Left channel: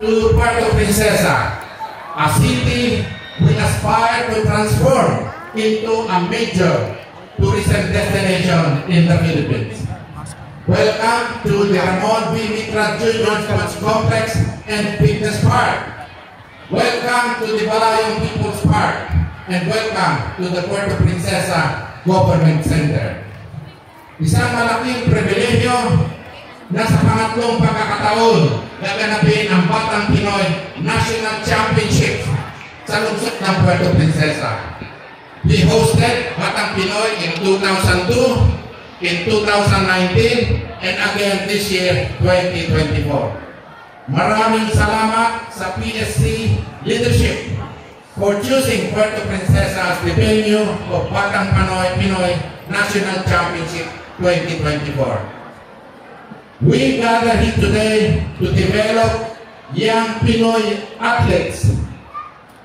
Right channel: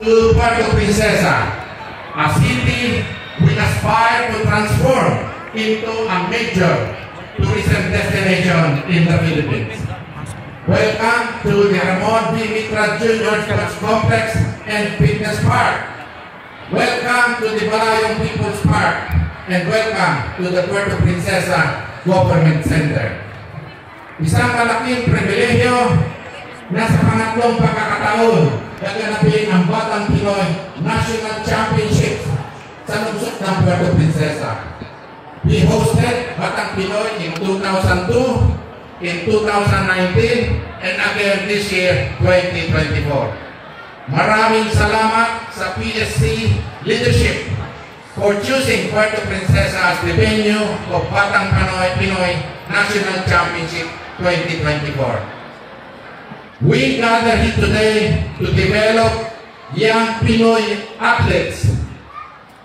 To Puerto Princesa, a city we aspire to transform into a major tourism destination in the Philippines. Welcome to the Ramon V. Mitra Jr. Sports Complex and Fitness Park. Welcome to the Balayong People's Park, and welcome to the Puerto Princesa Government Center. Isang malaking pribilehyo na sa pangatlong pagkakataon gaganapin ang Batang Pinoy National Championship sa lungsod ng Puerto Princesa. We hosted Batang Pinoy in 2002, in 2019, and again this year, 2024. Maraming salamat sa PSC leadership for choosing Puerto Princesa as the venue of Batang Pinoy National Championship 2024. We gather here today to develop young Pinoy athletes,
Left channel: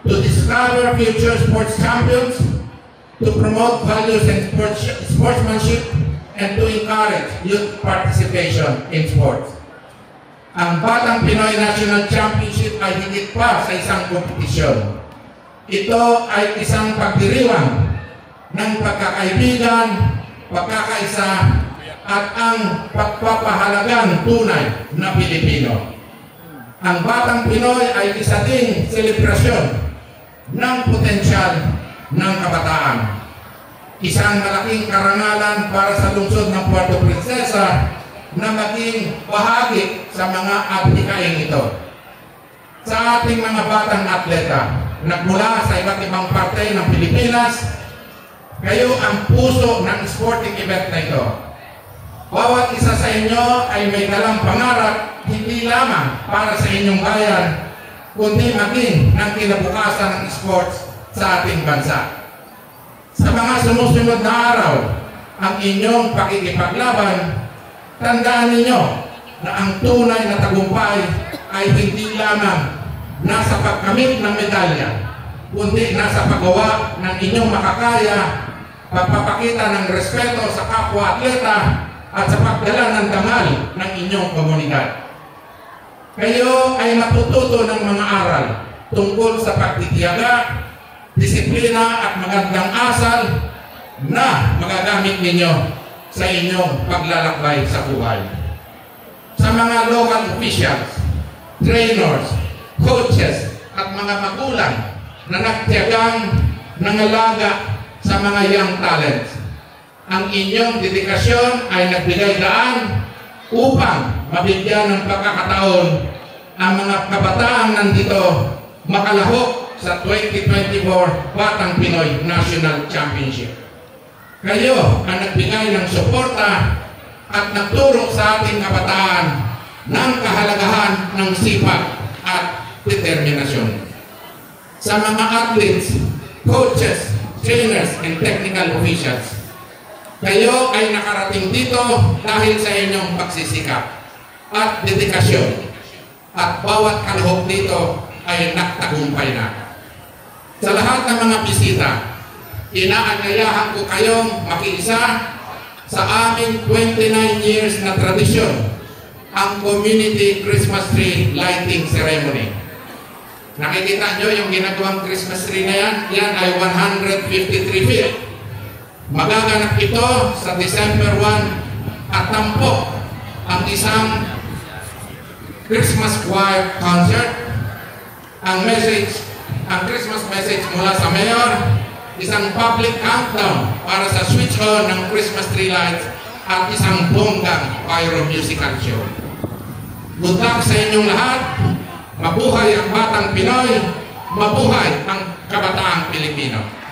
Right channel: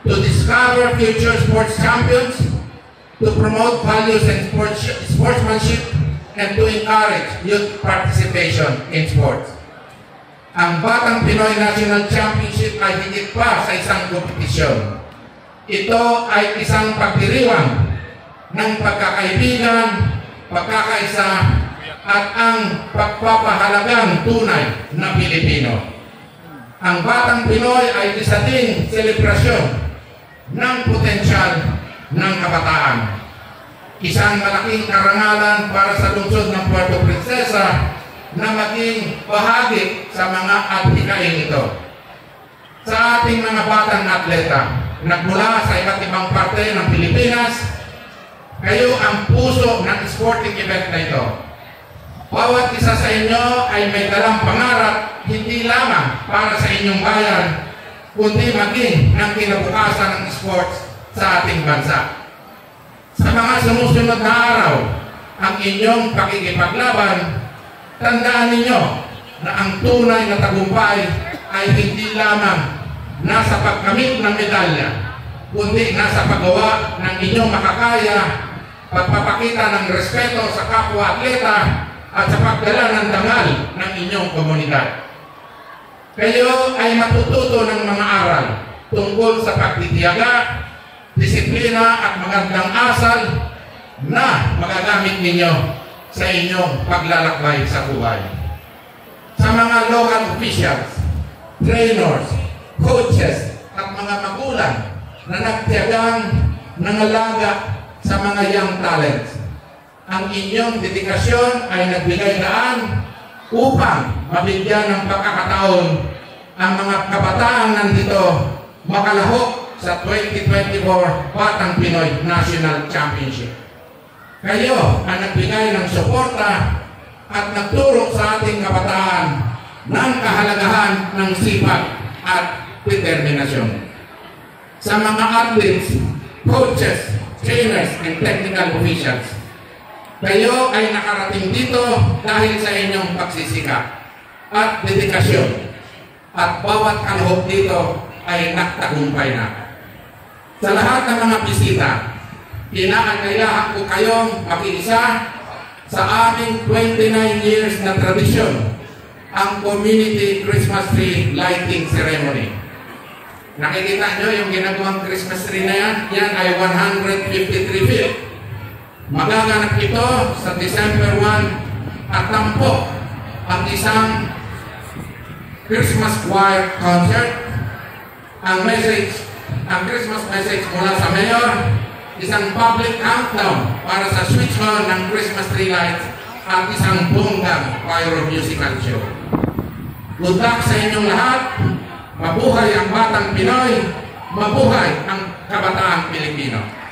to discover future sports champions, to promote values and sportsmanship, and to encourage youth participation in sports. Ang Batang Pinoy National Championship ay higit pa sa isang kompetisyon. Ito ay isang pagdiriwang ng pagkakaibigan, pagkakaisa, at ang pagpapahalagang tunay na Pilipino. Ang Batang Pinoy ay isa ding selebrasyon ng potensyal ng kabataan. Isang malaking karangalan para sa lungsod ng Puerto Princesa na maging bahagi sa mga adhikain ito. Sa ating mga batang atleta, nagmula sa iba't ibang parte ng Pilipinas, kayo ang puso ng sporting event na ito. Bawat isa sa inyo ay may dalang pangarap, hindi lamang para sa inyong bayan, kundi maging ng kinabukasan ng sports sa ating bansa. Sa mga sumusunod na araw, ang inyong pakikipaglaban, tandaan ninyo na ang tunay na tagumpay ay hindi lamang nasa pagkamit ng medalya, kundi nasa paggawa ng inyong makakaya, pagpapakita ng respeto sa kapwa-atleta, at sa pagdala ng dangal ng inyong komunidad. Kayo ay natututo ng mga aral tungkol sa pagtitiyaga, disiplina at magandang asal na magagamit ninyo sa inyong paglalakbay sa buhay. Sa mga local officials, trainers, coaches at mga magulang na nagtiyagang nangalaga sa mga young talents, ang inyong dedikasyon ay nagbigay daan upang mabigyan ng pagkakataon ang mga kabataang nandito makalahok sa 2024 Batang Pinoy National Championship. Kayo ang nagbigay ng suporta at nagturo sa ating kabataan ng kahalagahan ng sipag at determinasyon. Sa mga athletes, coaches, trainers, and technical officials, kayo ay nakarating dito dahil sa inyong pagsisikap at dedikasyon, at bawat kalahok dito ay nagtagumpay na. Sa lahat ng mga bisita, inaanyayahan ko kayong makiisa sa aming 29 years na tradisyon, ang Community Christmas Tree Lighting Ceremony. Nakikita nyo yung ginagawang Christmas tree na yan? Yan ay 153 feet. Magaganap ito sa December 1 at tampo ang isang Christmas choir concert. Ang Christmas message mula sa Mayor, isang public countdown para sa switch on ng Christmas tree lights at isang bonggang pyro musical show. Good luck sa inyong lahat. Mabuhay ang Batang Pinoy, mabuhay ang kabataang Pilipino.